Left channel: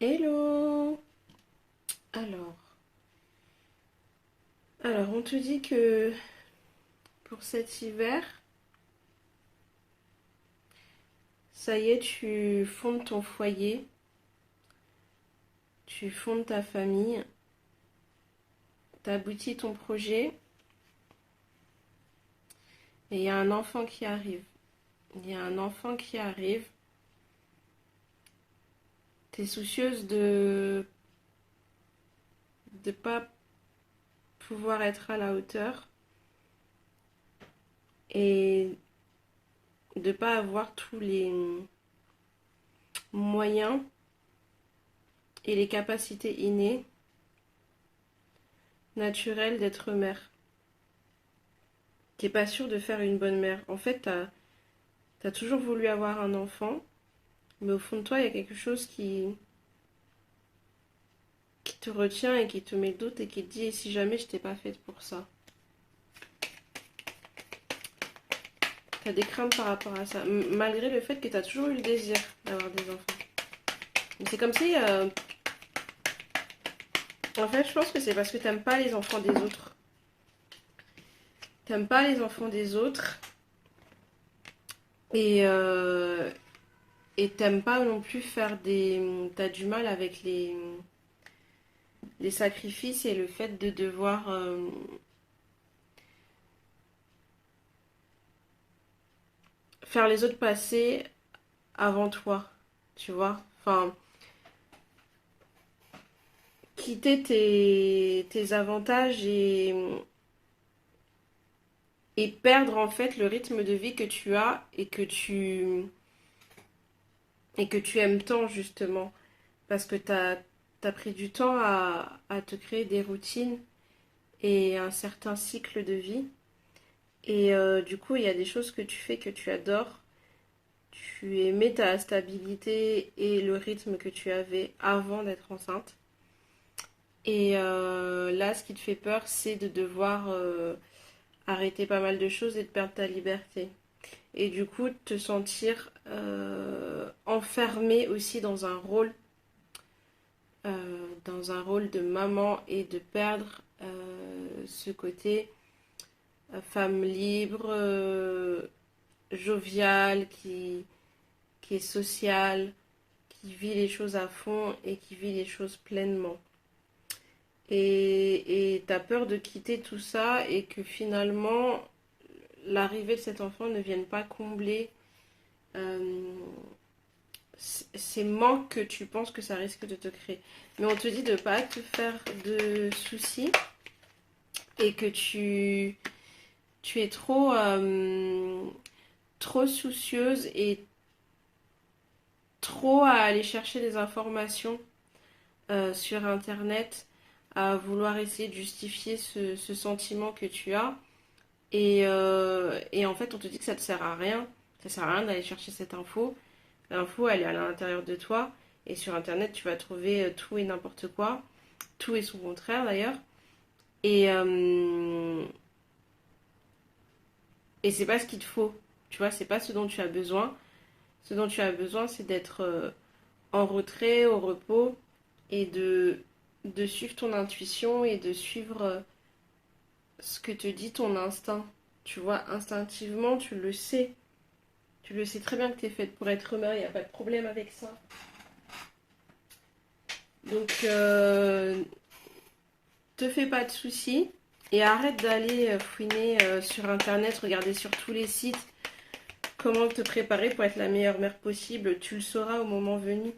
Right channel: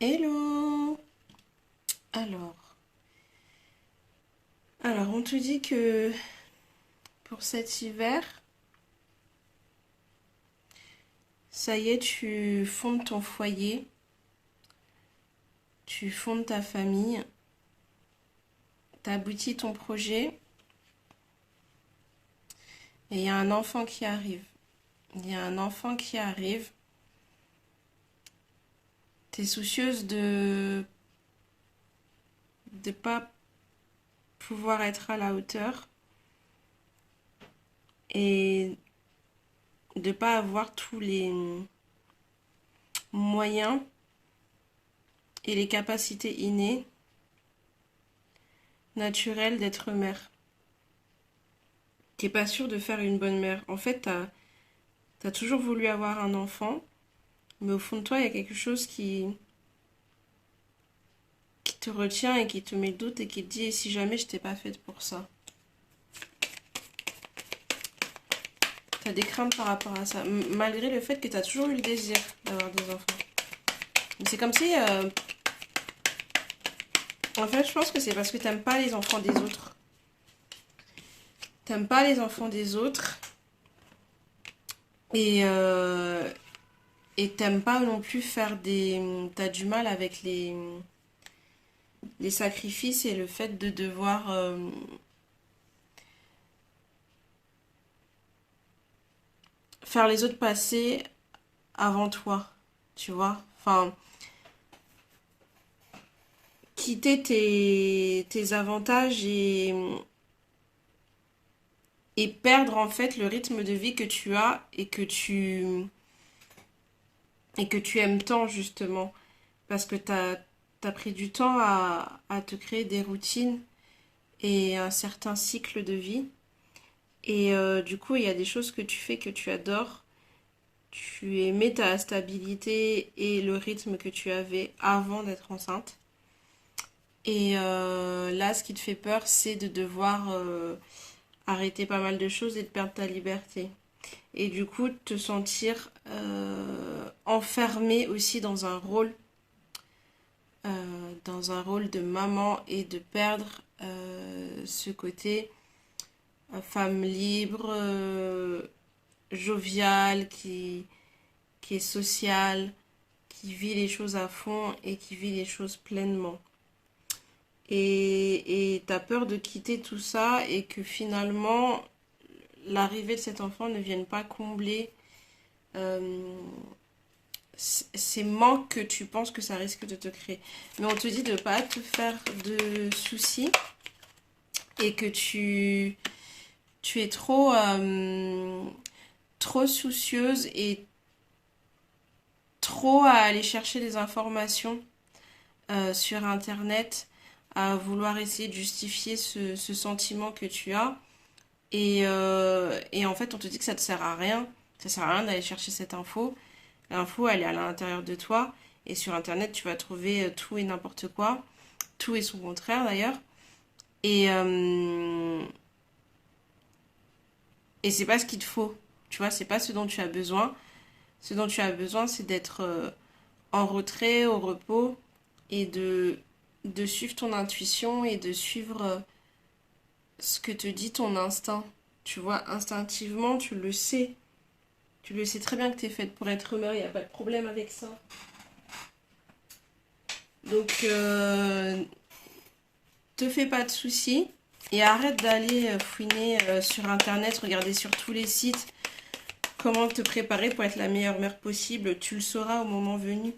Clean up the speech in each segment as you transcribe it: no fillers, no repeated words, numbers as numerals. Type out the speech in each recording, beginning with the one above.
Hello! Alors, alors, on te dit que pour cet hiver, ça y est, tu fondes ton foyer, tu fondes ta famille, t'aboutis ton projet, et il y a un enfant qui arrive. Il y a un enfant qui arrive. T'es soucieuse de pas pouvoir être à la hauteur et de pas avoir tous les moyens et les capacités innées, naturelles d'être mère. T'es pas sûre de faire une bonne mère. En fait, t'as toujours voulu avoir un enfant, mais au fond de toi, il y a quelque chose qui te retient et qui te met le doute et qui te dit, et si jamais je t'ai pas faite pour ça? T'as des craintes par rapport à ça, malgré le fait que t'as toujours eu le désir d'avoir des enfants. Mais c'est comme si, en fait, je pense que c'est parce que t'aimes pas les enfants des autres. T'aimes pas les enfants des autres et, euh, et t'aimes pas non plus faire des... T'as du mal avec les sacrifices et le fait de devoir faire les autres passer avant toi, tu vois. Enfin, quitter tes avantages et perdre en fait le rythme de vie que tu as et que tu aimes tant justement. Parce que t'as pris du temps à te créer des routines et un certain cycle de vie. Et du coup, il y a des choses que tu fais que tu adores. Tu aimais ta stabilité et le rythme que tu avais avant d'être enceinte. Et là, ce qui te fait peur, c'est de devoir arrêter pas mal de choses et de perdre ta liberté. Et du coup, te sentir enfermé aussi dans un rôle de maman et de perdre ce côté femme libre, joviale, qui est sociale, qui vit les choses à fond et qui vit les choses pleinement. Et t'as peur de quitter tout ça et que finalement l'arrivée de cet enfant ne vienne pas combler euh, ces manques que tu penses que ça risque de te créer. Mais on te dit de ne pas te faire de soucis et que tu es trop soucieuse et trop à aller chercher des informations sur Internet, à vouloir essayer de justifier ce sentiment que tu as. Et en fait, on te dit que ça ne te sert à rien. Ça sert à rien d'aller chercher cette info. L'info, elle est à l'intérieur de toi. Et sur Internet, tu vas trouver tout et n'importe quoi. Tout et son contraire, d'ailleurs. Et, euh, et c'est pas ce qu'il te faut. Tu vois, c'est pas ce dont tu as besoin. Ce dont tu as besoin, c'est d'être en retrait, au repos, et de suivre ton intuition et de suivre ce que te dit ton instinct. Tu vois, instinctivement, tu le sais. Tu le sais très bien que tu es faite pour être mère, il n'y a pas de problème avec ça. Donc, te fais pas de soucis et arrête d'aller fouiner sur Internet, regarder sur tous les sites comment te préparer pour être la meilleure mère possible. Tu le sauras au moment venu.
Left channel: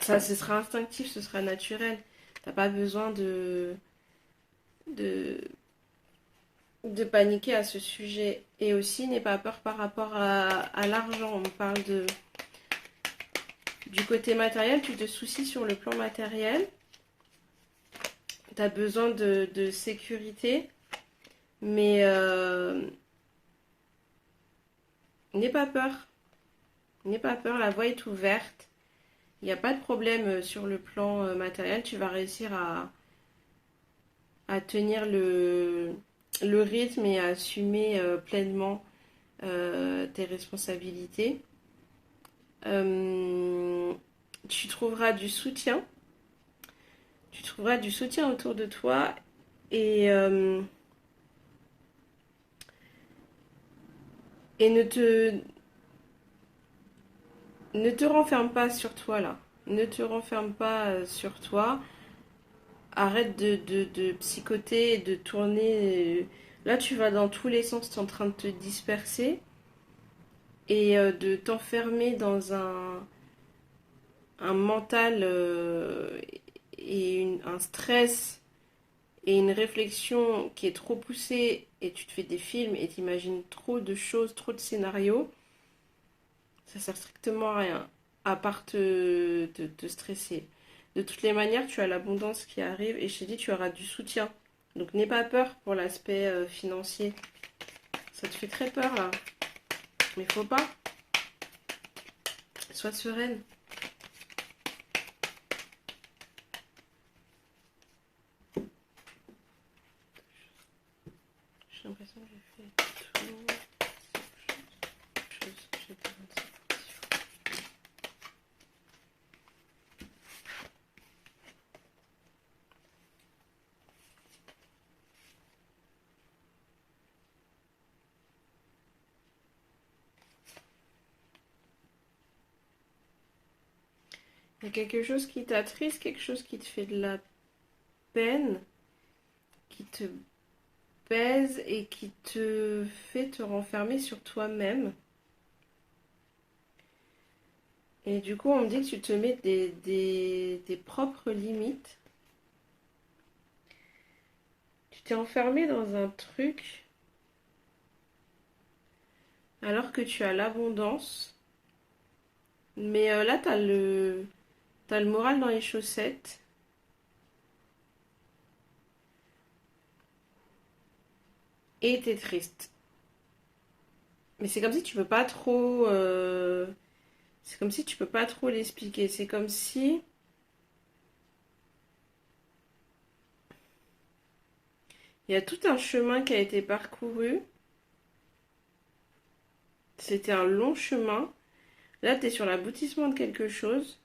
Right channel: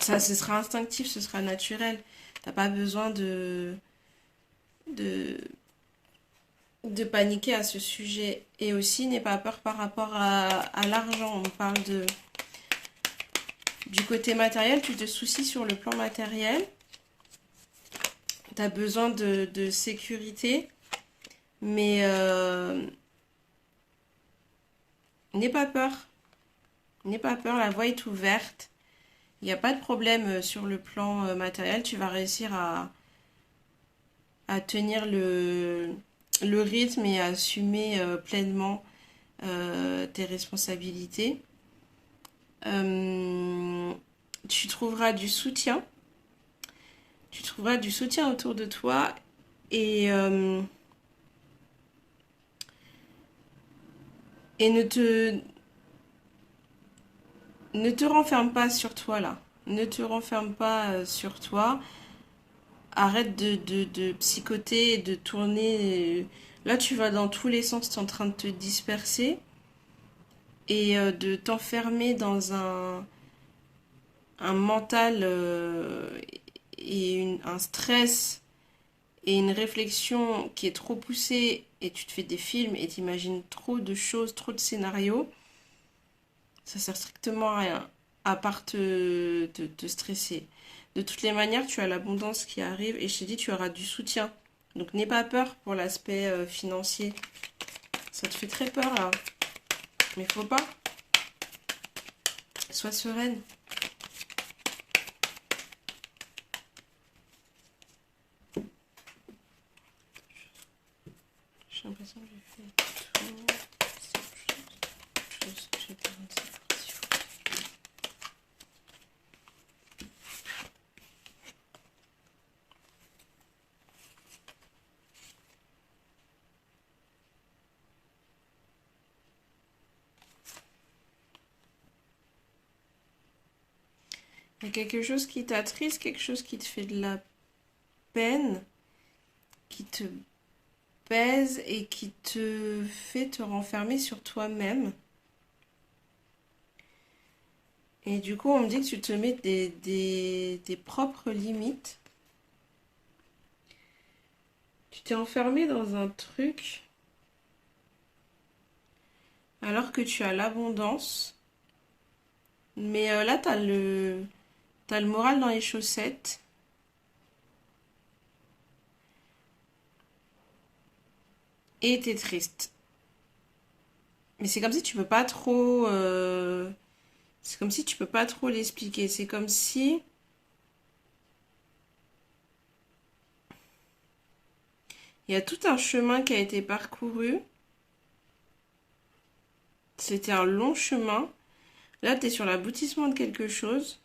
Ça, ce sera instinctif, ce sera naturel. T'as pas besoin de, de paniquer à ce sujet. Et aussi, n'aie pas peur par rapport à l'argent. On parle du côté matériel, tu te soucies sur le plan matériel. Tu as besoin de sécurité, mais n'aie pas peur. N'aie pas peur, la voie est ouverte. Il n'y a pas de problème sur le plan matériel. Tu vas réussir à tenir le rythme et à assumer pleinement tes responsabilités. Euh, tu trouveras du soutien. Tu trouveras du soutien autour de toi et, euh, et ne te renferme pas sur toi là. Ne te renferme pas sur toi. Arrête de psychoter et de tourner. Là, tu vas dans tous les sens, tu es en train de te disperser et de t'enfermer dans un mental et un stress et une réflexion qui est trop poussée et tu te fais des films et t'imagines trop de choses, trop de scénarios. Ça sert strictement à rien, à part te stresser. De toutes les manières, tu as l'abondance qui arrive et je te dis, tu auras du soutien. Donc n'aie pas peur pour l'aspect financier. Ça te fait très peur là. Mais faut pas. Sois sereine. J'ai l'impression que j'ai fait tout ce que j'ai besoin de savoir. Il y a quelque chose qui t'attriste, quelque chose qui te fait de la peine, qui te pèse et qui te fait te renfermer sur toi-même. Et du coup, on me dit que tu te mets des propres limites. Tu t'es enfermé dans un truc alors que tu as l'abondance. Mais là, t'as le moral dans les chaussettes. Et t'es triste. Mais c'est comme si tu peux pas trop... c'est comme si tu peux pas trop l'expliquer. C'est comme si il y a tout un chemin qui a été parcouru. C'était un long chemin. Là, tu es sur l'aboutissement de quelque chose.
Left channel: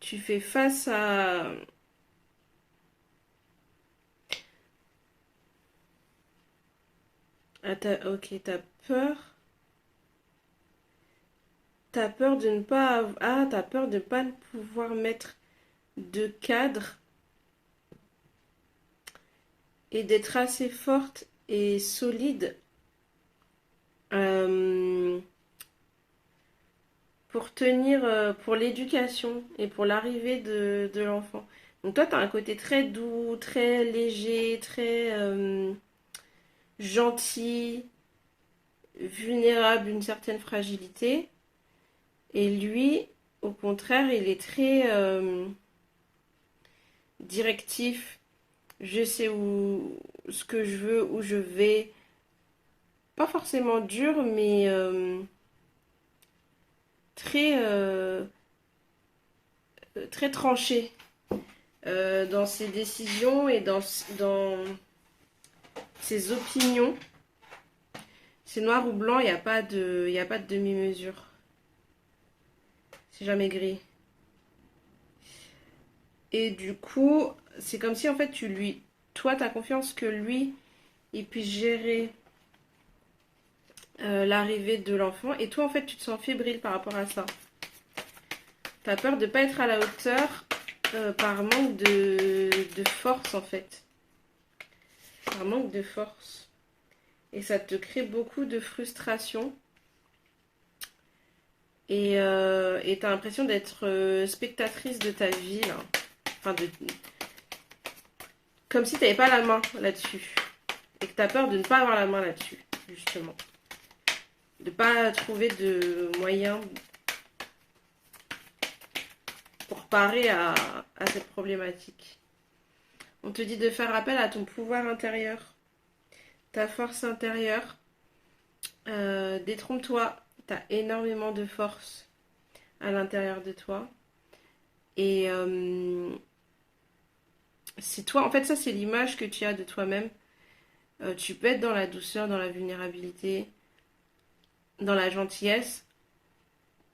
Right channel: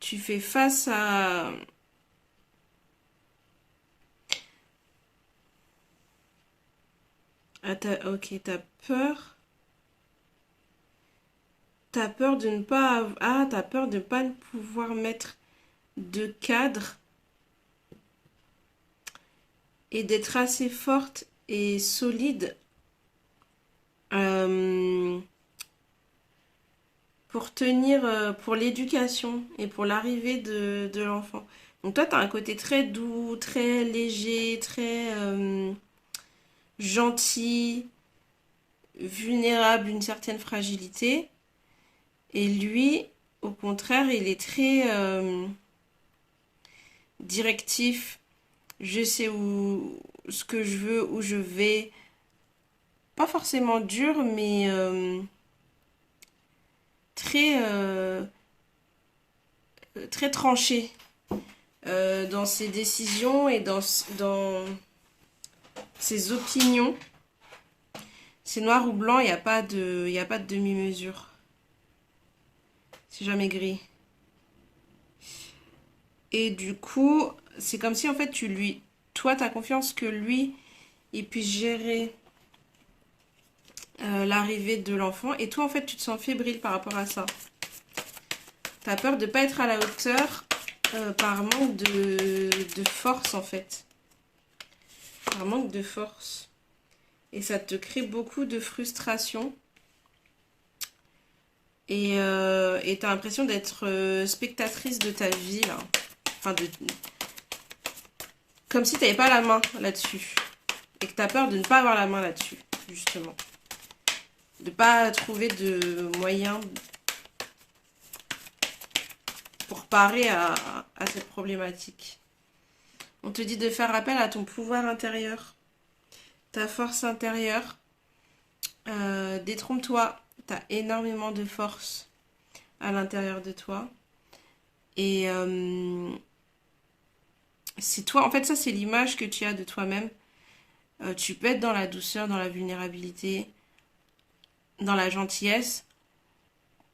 Tu fais face ok, t'as peur. T'as peur de ne pas... t'as peur de ne pas pouvoir mettre de cadre et d'être assez forte et solide euh, pour tenir, pour l'éducation et pour l'arrivée de l'enfant. Donc toi, tu as un côté très doux, très léger, très gentil, vulnérable, une certaine fragilité. Et lui, au contraire, il est très directif. Je sais ce que je veux, où je vais. Pas forcément dur, mais très, très tranché dans ses décisions et dans ses opinions. C'est noir ou blanc, il y a pas de demi-mesure. C'est jamais gris. Et du coup, c'est comme si en fait toi, t'as confiance que lui, il puisse gérer l'arrivée de l'enfant. Et toi, en fait, tu te sens fébrile par rapport à ça. T'as peur de pas être à la hauteur par manque de force, en fait. Par manque de force. Et ça te crée beaucoup de frustration. Et t'as l'impression d'être spectatrice de ta vie, là. Enfin, comme si t'avais pas la main là-dessus. Et que t'as peur de ne pas avoir la main là-dessus, justement. De pas trouver de moyens pour parer à cette problématique. On te dit de faire appel à ton pouvoir intérieur, ta force intérieure. Détrompe-toi, t'as énormément de force à l'intérieur de toi. Et c'est toi, en fait, ça c'est l'image que tu as de toi-même. Tu peux être dans la douceur, dans la vulnérabilité, dans la gentillesse,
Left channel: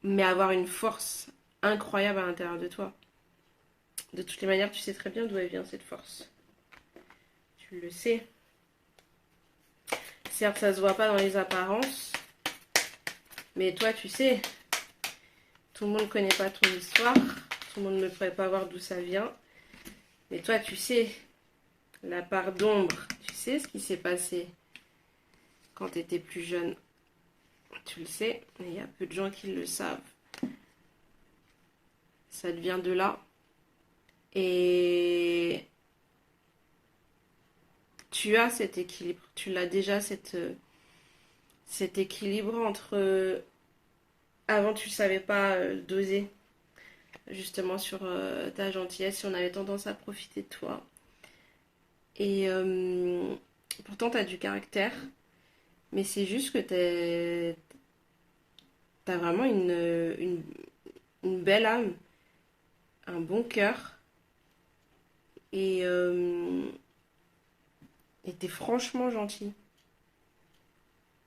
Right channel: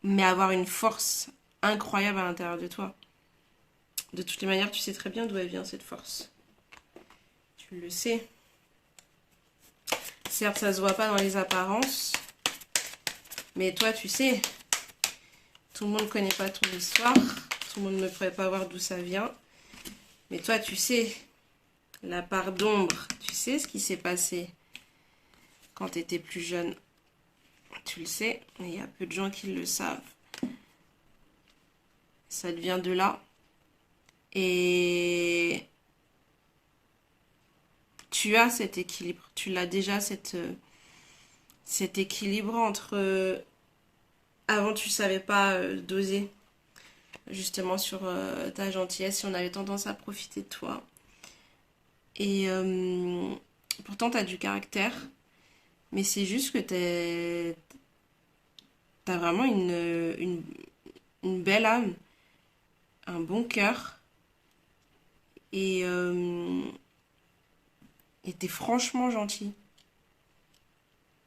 mais avoir une force incroyable à l'intérieur de toi. De toutes les manières, tu sais très bien d'où elle vient cette force. Tu le sais. Certes, ça se voit pas dans les apparences, mais toi, tu sais. Tout le monde ne connaît pas ton histoire, tout le monde ne pourrait pas voir d'où ça vient, mais toi, tu sais, la part d'ombre, tu sais ce qui s'est passé quand tu étais plus jeune. Tu le sais, mais il y a peu de gens qui le savent. Ça devient de là. Et tu as cet équilibre. Tu l'as déjà, cet équilibre entre... avant, tu ne savais pas doser justement sur ta gentillesse si on avait tendance à profiter de toi. Et pourtant, tu as du caractère. Mais c'est juste que t'as vraiment une belle âme, un bon cœur. Et et t'es franchement gentil.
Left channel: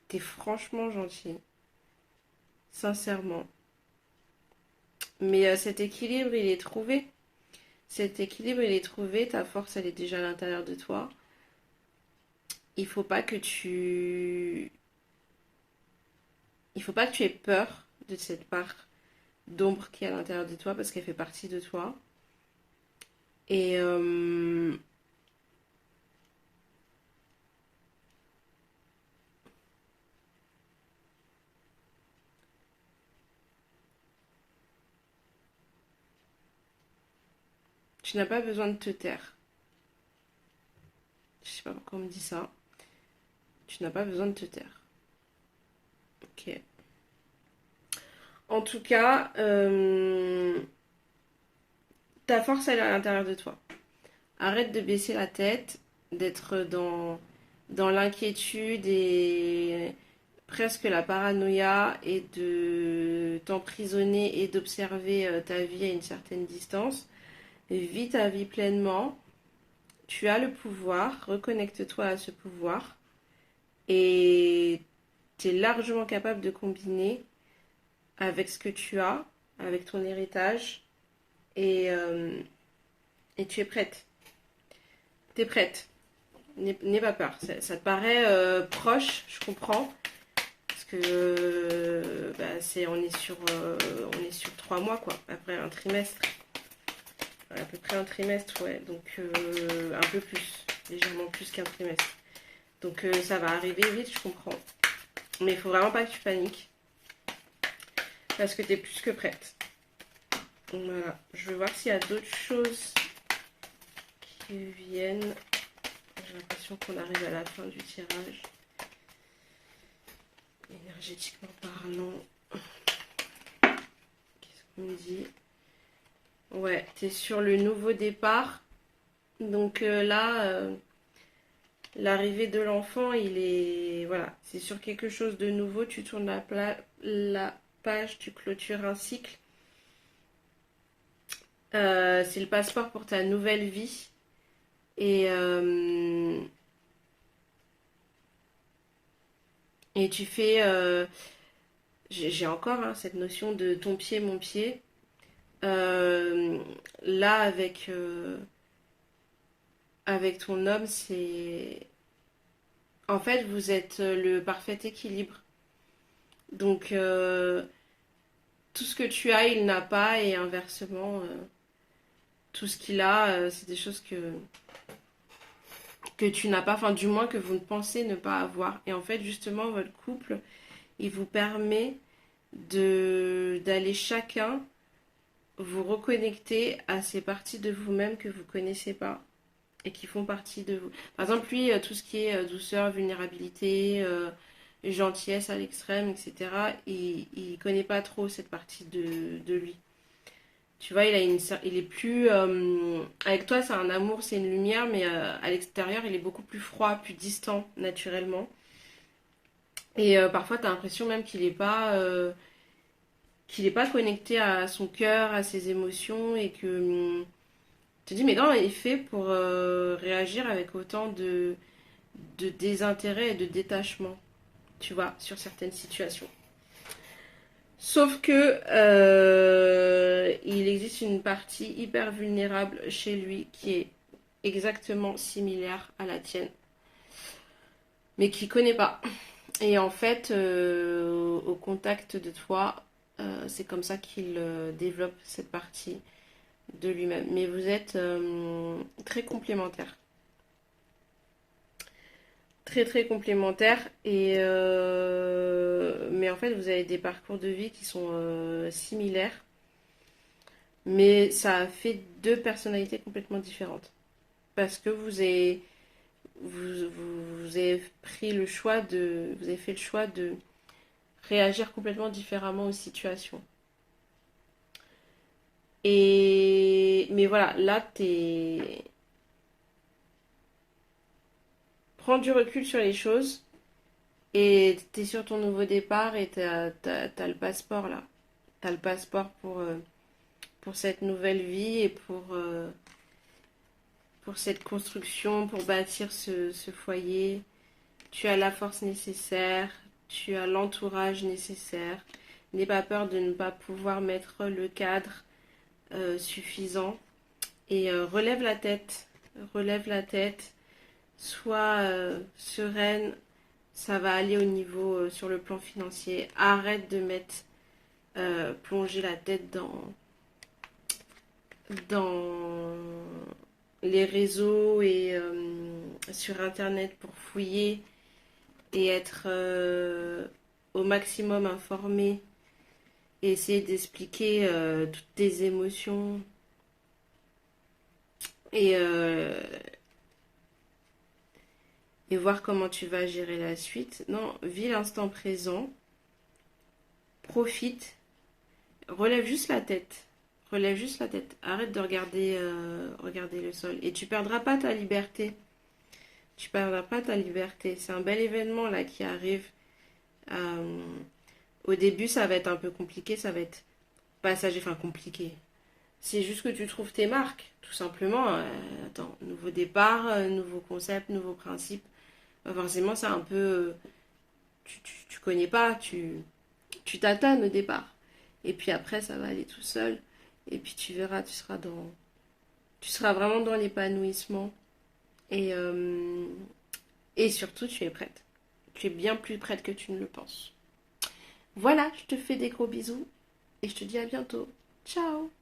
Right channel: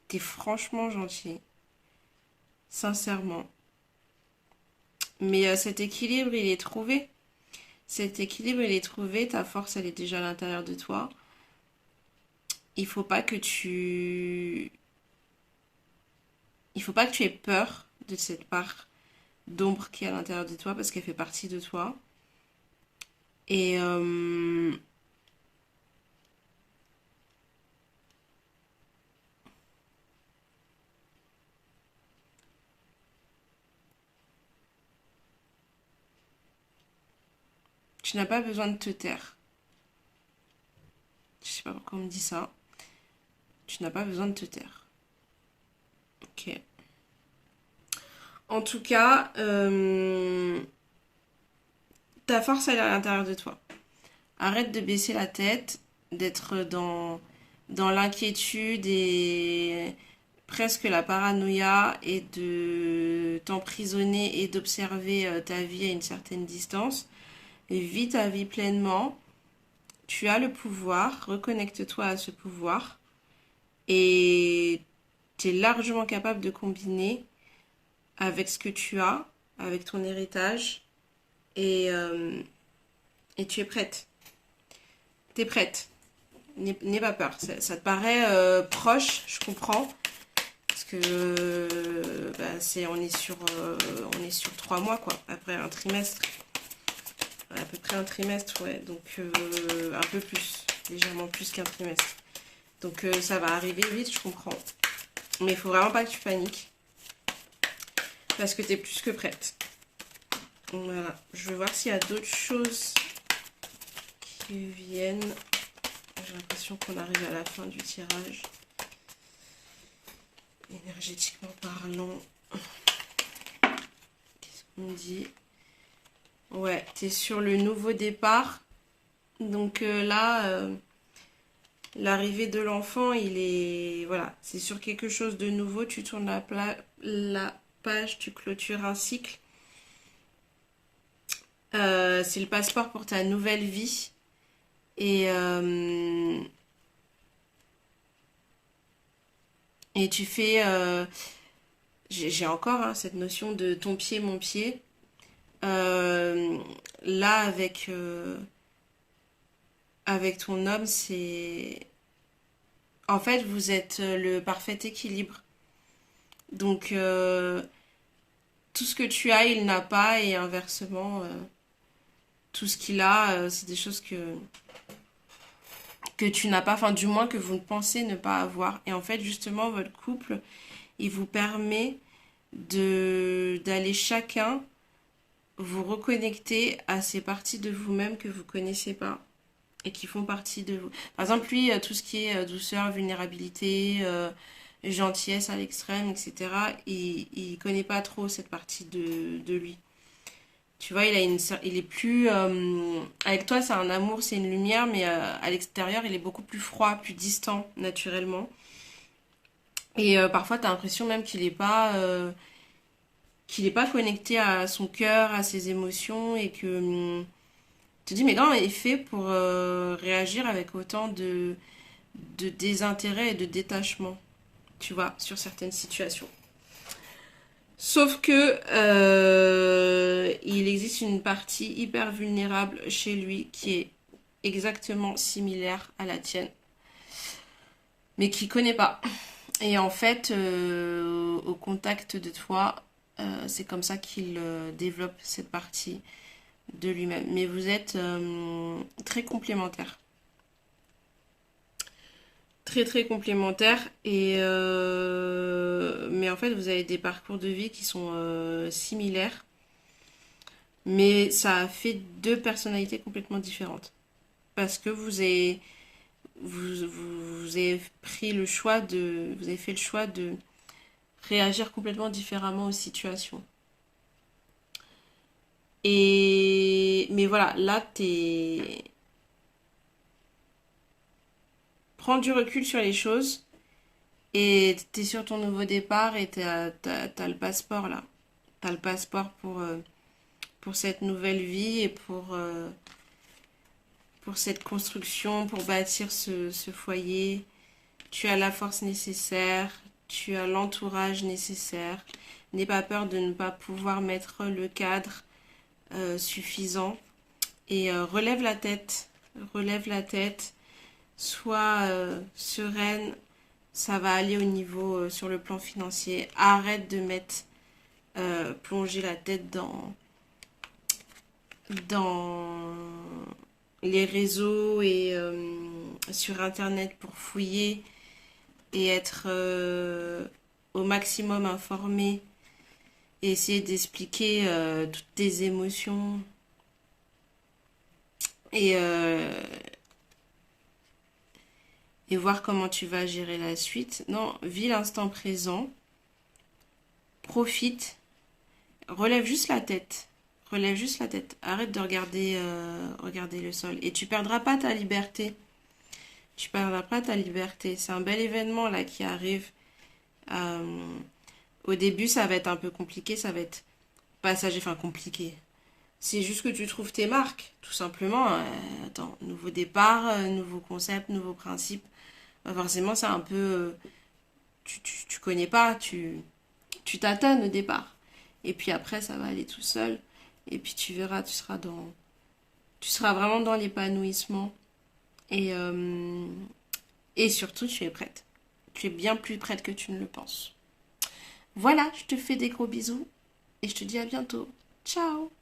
T'es franchement gentil. Sincèrement. Mais cet équilibre, il est trouvé. Cet équilibre, il est trouvé. Ta force, elle est déjà à l'intérieur de toi. Il faut pas que tu... Il faut pas que tu aies peur de cette part d'ombre qui est à l'intérieur de toi parce qu'elle fait partie de toi. Et tu n'as pas besoin de te taire. Je sais pas pourquoi on me dit ça. Tu n'as pas besoin de te taire. Ok. En tout cas, ta force, elle est à l'intérieur de toi. Arrête de baisser la tête, d'être dans l'inquiétude et presque la paranoïa et de t'emprisonner et d'observer ta vie à une certaine distance. Et vis ta vie pleinement. Tu as le pouvoir, reconnecte-toi à ce pouvoir et tu es largement capable de combiner avec ce que tu as, avec ton héritage et tu es prête. Tu es prête. N'aie pas peur. Ça te paraît proche, je comprends. Parce que on est sur 3 mois, quoi, après un trimestre. À peu près un trimestre, ouais. Donc un peu plus, légèrement plus qu'un trimestre. Donc ça va arriver vite, je comprends. Mais il faut vraiment pas que tu paniques. Parce que tu es plus que prête. Voilà. Je vais voir s'il y a d'autres choses qui viennent. J'ai l'impression qu'on arrive à la fin du tirage. Énergétiquement parlant. Qu'est-ce qu'on me dit? Ouais, t'es sur le nouveau départ. Donc là, l'arrivée de l'enfant, il est... Voilà, c'est sur quelque chose de nouveau. Tu tournes la page, tu clôtures un cycle. C'est le passeport pour ta nouvelle vie. Et, et tu fais... j'ai encore hein, cette notion de ton pied, mon pied. Là, avec ton homme, c'est... En fait, vous êtes le parfait équilibre. Donc, tout ce que tu as, il n'a pas, et inversement, tout ce qu'il a, c'est des choses que tu n'as pas, enfin, du moins que vous pensez ne pas avoir. Et en fait, justement, votre couple, il vous permet d'aller chacun vous reconnecter à ces parties de vous-même que vous connaissez pas et qui font partie de vous. Par exemple, lui, tout ce qui est douceur, vulnérabilité, gentillesse à l'extrême, etc., il connaît pas trop cette partie de lui. Tu vois, il est plus... avec toi, c'est un amour, c'est une lumière, mais à l'extérieur, il est beaucoup plus froid, plus distant, naturellement. Et parfois, tu as l'impression même qu'il est pas connecté à son cœur, à ses émotions, et que te dis, mais non, il est fait pour réagir avec autant de désintérêt et de détachement, tu vois, sur certaines situations. Sauf que il existe une partie hyper vulnérable chez lui qui est exactement similaire à la tienne, mais qui connaît pas. Et en fait, au contact de toi, c'est comme ça qu'il développe cette partie de lui-même. Mais vous êtes très complémentaires. Très très complémentaires. Mais en fait, vous avez des parcours de vie qui sont similaires. Mais ça a fait deux personnalités complètement différentes. Parce que vous avez pris le choix de... Vous avez fait le choix de réagir complètement différemment aux situations. Mais voilà, là, prends du recul sur les choses et t'es sur ton nouveau départ et t'as le passeport là. T'as le passeport pour cette nouvelle vie et pour cette construction, pour bâtir ce foyer. Tu as la force nécessaire, tu as l'entourage nécessaire. N'aie pas peur de ne pas pouvoir mettre le cadre suffisant. Et relève la tête, sois sereine, ça va aller au niveau sur le plan financier. Arrête de plonger la tête dans les réseaux et sur Internet pour fouiller et être au maximum informé et essayer d'expliquer toutes tes émotions et, euh, et voir comment tu vas gérer la suite. Non, vis l'instant présent, profite, relève juste la tête. Relève juste la tête. Arrête de regarder le sol. Et tu perdras pas ta liberté. Tu perdras pas ta liberté. C'est un bel événement là qui arrive. Euh, Au début, ça va être un peu compliqué. Ça va être passager, enfin compliqué. C'est juste que tu trouves tes marques, tout simplement. Attends, nouveau départ, nouveau concept, nouveau principe. Forcément, c'est un peu... tu connais pas, tu tâtonnes au départ. Et puis après, ça va aller tout seul. Et puis tu verras, tu seras vraiment dans l'épanouissement. Et, euh, et surtout, tu es prête. Tu es bien plus prête que tu ne le penses. Voilà, je te fais des gros bisous. Et je te dis à bientôt. Ciao!